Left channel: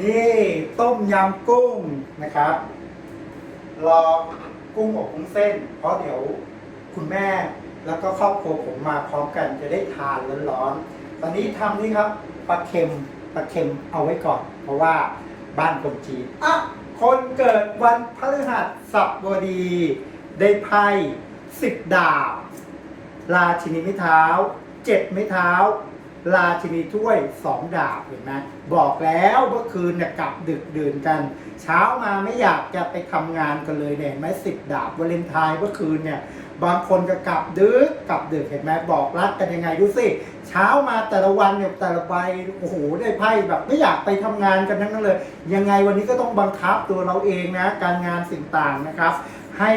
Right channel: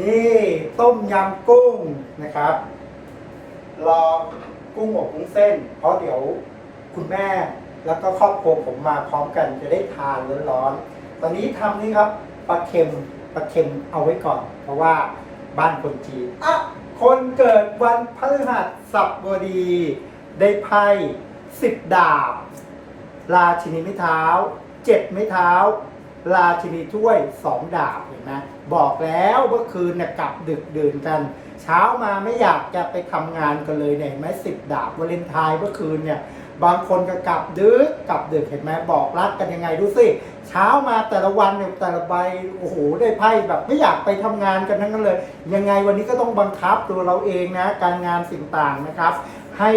นี่ต้มยำกุ้งนะครับ รอกุ้งอบกุ้งเส้น เพราะเดี๋ยวคุณแม่แล้วก็ครอบครัวผมมาพร้อมกันจะได้ทานร้อนๆตอนนี้ทำนี่ครับปลาเค็มปลาเค็มเอาไว้ก่อน เพราะว่าบ้านคนจีนอะคนเกิดวันพฤหัสบดี ได้ไพ่สิบดาบ ราชินีไม้เท้าเจ็ดไม้เท้า ราชินีถ้วยสองดาบเห็นไหมบอกแล้วเมื่อคืนเนี่ยกลับดึกดื่นกัน เช้ามาไม่อยากจะไปทำงานกันเลยเนี่ยเห็นไหมสิบดาบวาเลนไทน์เมื่อคืนเนี่ยบางคนจะกลับดึกกลับดึกเห็นไหมบอกรักกันยังไงดูสิเช้ามาแต่ละวันเนี่ยแต่ละใบโอ้โหได้ไพ่แบบไม่อยากไปทำงานกันทั้งนั้นเลย ยังไงวันนี้ก็ต้องบังคับตัวเราเองนะ การงานสิ่งต่างนะครับ ให้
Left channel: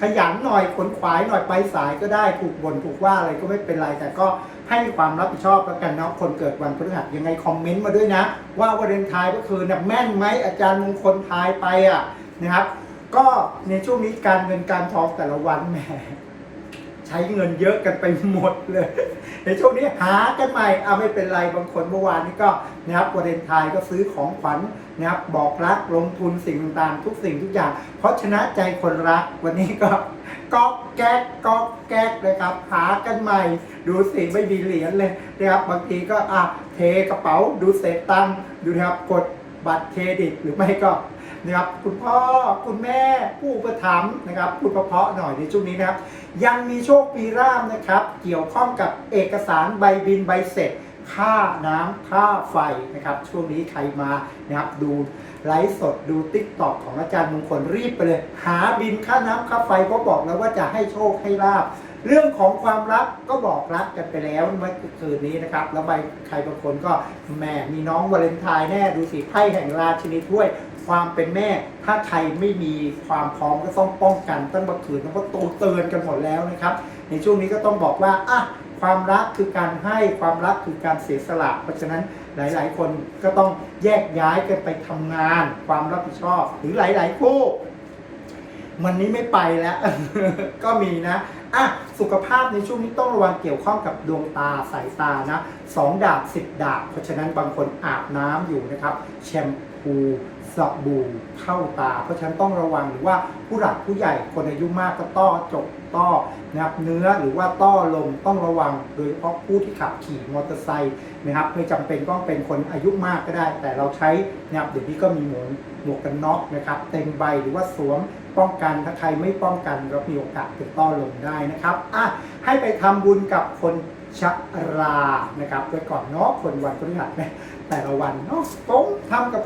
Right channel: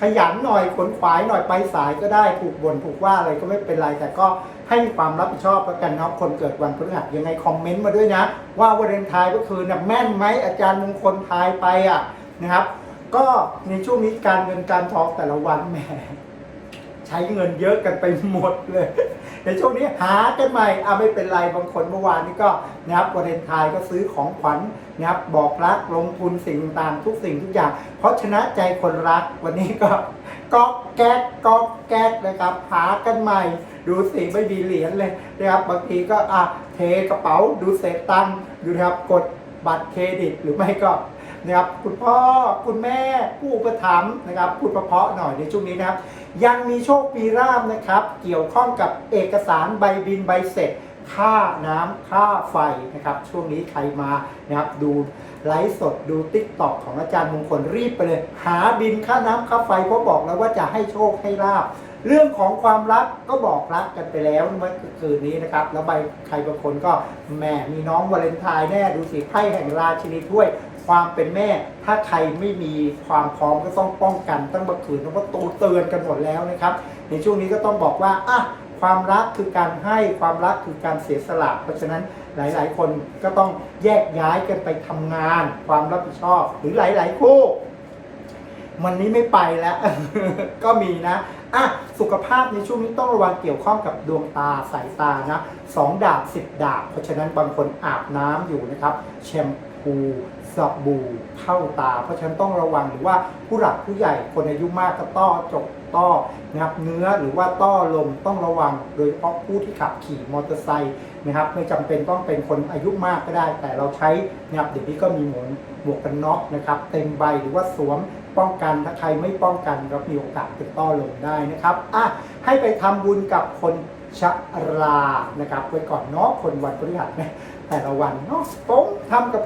ขยันหน่อยขนขวายหน่อยไปสายก็ได้ถูกบ่นถูกว่าอะไรก็ไม่เป็นไรแต่ก็ ให้มีความรับผิดชอบแล้วกันเนาะคนเกิดวันพฤหัสยังไงคอมเมนต์มาด้วยนะ ว่าวันเดนไทายก็คือนะแม่นไหมอาจารย์มงคลทายไปอะนะครับ ก็ในช่วงนี้การเงินการทองแต่ละวันแหม ใช้เงินเยอะกันไปหมดเลย ในช่วงนี้หากันใหม่อะไม่เป็นไรบางคนเมื่อวานนี้ก็นะครับวาเลนไทน์ก็ซื้อของขวัญนะครับบอกรักลงทุนสิ่งต่างๆทุกสิ่งทุกอย่าง เพราะชนะใจคนรักวันนี้ก็ก๊อกแก๊กก๊อกแก๊กเลยครับหากันใหม่ ดูสิไม่มีเหรียญเลยนะครับบางทีก็อะเทกระเป๋าดูเศษตังค์ดูนะครับกดบัตรเครดิตหรือไม่ก็ นะครับคุณพ่อคุณแม่ผู้อุปถัมนะครับพูดเพาะหน่อยในช่วงนี้นะครับยังมีโชคปีร่ามนะครับ เกี่ยวข้องกับเอกสารใบบินใบเสร็จค่าน้ำค่าไฟนะครับ ช่วงนี้ใครมานะครับดูไลฟ์สดดูติ๊กต็อกของอาจารย์มงคลรีบไปเลย หาบินค่าน้ำค่าไฟเพราะบอกแล้วว่าจะให้โชคให้ลาบเรื่องของความรักก็บอกรักกันไปแล้วเมื่อคืนนี้นะครับ แล้วใบใครบางคนก็แหมมีน้องวาเลนไทน์แน่ดูสิไพ่แห่งราชินีถ้วย ความเป็นแม่ ถ้าใครไม่มีความพร้อมก็ต้องป้องกันตั้งเมื่คืนเพราะตูเตือนกันหมดแล้วนะครับ ในช่วงนี้ก็ต้องบอกว่าอะความรักคือการให้ความรักคือการเสียสละ เพราะฉะนั้นหลาย ๆ คนก็ต้องแยกย้ายกันไปทำงาน ความรับผิดชอบหรือหลาย ๆ คู่วันนี้ไม่ไปแล้ว ก็มีนะอะสุขภาพในช่วงนี้ต้องระวังเกี่ยวข้องกับดวงตาสายตานะสองดาบสิบดาบ เพราะฉะนั้นบางคนอาบน้ำอยู่นะครับแชมพ สบู่เข้าตา เพราะฉะนั้นต้องระวังหรือว่าผู้หลักผู้ใหญ่คนอายุมากก็ต้อจกต้อนะครับเนื้อหรือว่าต้อลมต้องระวังโดยเฉพาะผู้ที่ขับขี่มอเตอร์ไซค์นะครับไม่จำเป็นต้องเป็นคนอายุมากก็ได้ แต่เราใช้นะครับเดี๋ยวนี้ก็มีหมวกหมวกกันน็อกนะครับเต็มใบหรือว่าสวมป้องกันถ้าใครไม่ป้องกันก็มีโอกาสเป็นต้อลมได้นะครับอะให้ไปทำบุญกับคนชรานะครับไว้ก่อนเนาะคนวันพฤหัสนะแต่ละวันเนาะผมทำกับ